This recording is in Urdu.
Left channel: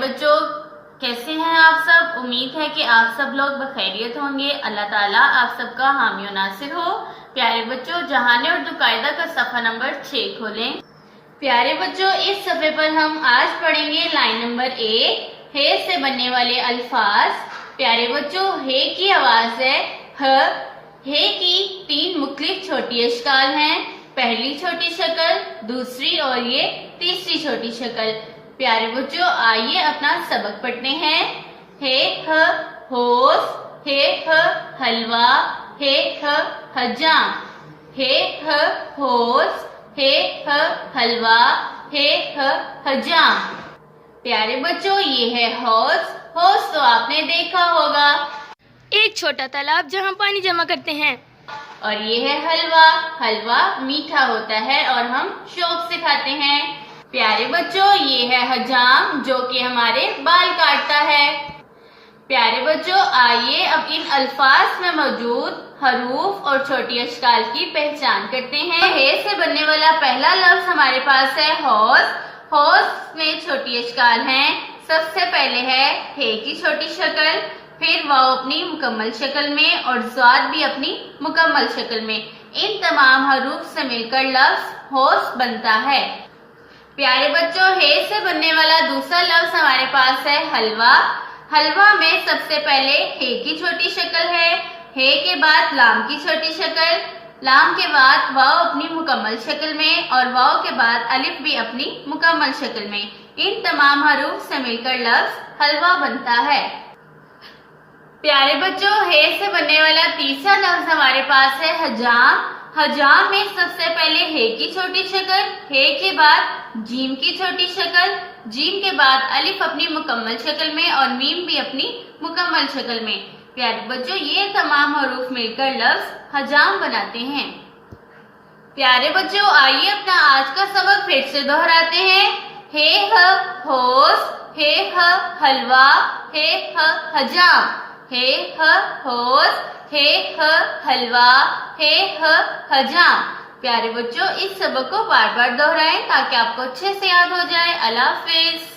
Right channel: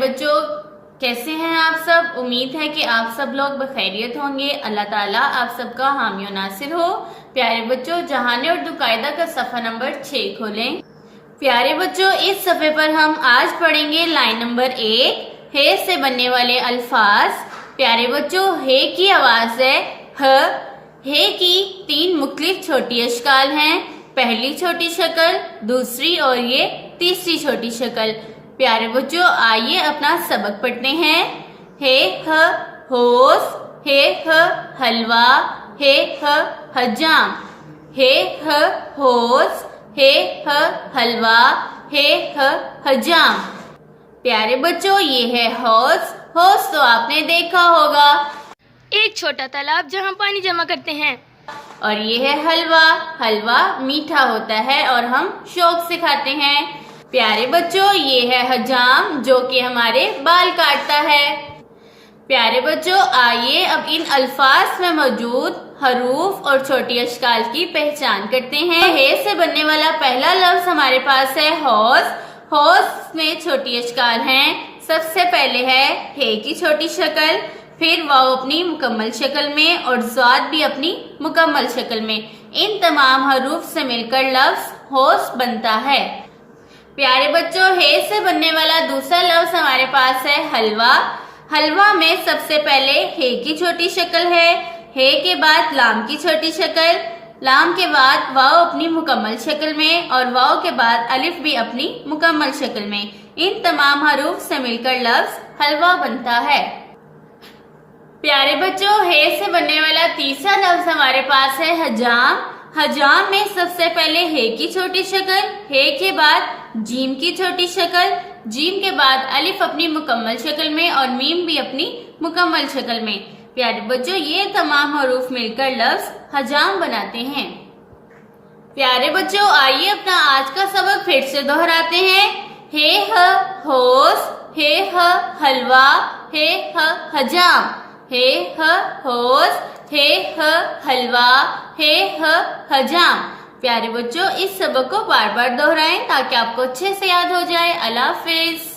بچوں، کیسے ہیں آپ سب؟ امید ہے کہ آپ سب لوگ بخیریت ہوں گے۔ اللہ تعالیٰ آپ سب کا حامی و ناصر ہو۔ پیارے بچوں، جہان اردو قاعدہ کا صفحہ نمبر 6 کھولیں۔ پیارے بچوں، اس صفحے پر ہم آج پڑھیں گے لائن نمبر 1، ہے سے بننے والے الفاظ۔ پیارے بچوں، ہے کی آواز ہے ہ۔ ہے کی 3 مختلف چھوٹی اشکال ہیں، پہلی چھوٹی شکل، دوسری اور یہ تیسری چھوٹی شکل۔ پیارے بچوں، آئیے اپنا سبق پڑھتے ہیں۔ ہے ہ ہوس، ہے ہ حلوہ، ہے ہ حجام۔ ہے ہ ہوس، ہے ہ حلوہ، ہے ہ حجام۔ پیارے بچوں، یہ ہے ہوس۔ ہوس تو آپ نے دیکھا ہوگا، ایک چھوٹا تالاب جہاں پانی جمع کرتے ہیں۔ اور یہ ہے حلوہ۔ حلوہ میٹھا ہوتا ہے اور ہم شوق سے کھاتے ہیں۔ پیارے بچوں، یہ ہے حجام جو کہ ہمارے بال کاٹتا ہے۔ پیارے بچوں، آئیے اب ان الفاظ میں موجود حروف اور چھوٹی اشکال کی پہچان کرتے ہیں۔ ہے سے بننے والا پہلا لفظ ہمارے پاس ہے ہوس۔ ہوس میں چھوٹی اشکال ہیں۔ سب سے پہلے ہے کی چھوٹی شکل، پھر واو اپنی مکمل شکل میں اور ضاد بھی اپنی مکمل شکل میں۔ ان تمام حروف سے مل کر لفظ ہوس بنتا ہے۔ پیارے بچوں، ہے سے بننے والا دوسرا لفظ ہمارے پاس ہے حلوہ۔ حلوہ میں سب سے پہلے ہے کی چھوٹی شکل ہے، ہے کے بعد لام کی چھوٹی شکل، لام کے بعد واو اپنی مکمل شکل میں اور واو کے بعد الف بھی اپنی مکمل شکل میں۔ ان تمام حروف سے مل کر لفظ حلوہ بنتا ہے۔ پیارے بچوں، ہے سے بننے والا تیسرا لفظ ہمارے پاس ہے حجام۔ حجام میں سب سے پہلے ہے کی چھوٹی شکل، ہے کے بعد جیم کی چھوٹی شکل، جیم کے بعد الف اپنی مکمل شکل میں اور میم بھی اپنی مکمل شکل میں۔ پیارے بچوں، یہ تمام حروف مل کر لفظ حجام بناتے ہیں۔ پیارے بچوں، آئیے اپنا آج کا سبق پھر سے دہراتے ہیں۔ ہے ہ ہوس، ہے ہ حلوہ، ہے ہ حجام۔ ہے ہ ہوس، ہے ہ حلوہ، ہے ہ حجام۔ پیارے بچوں، اس سبق کو بار بار دہرائیں تاکہ آپ کو اچھے سے یاد ہو جائے۔ اللہ حافظ۔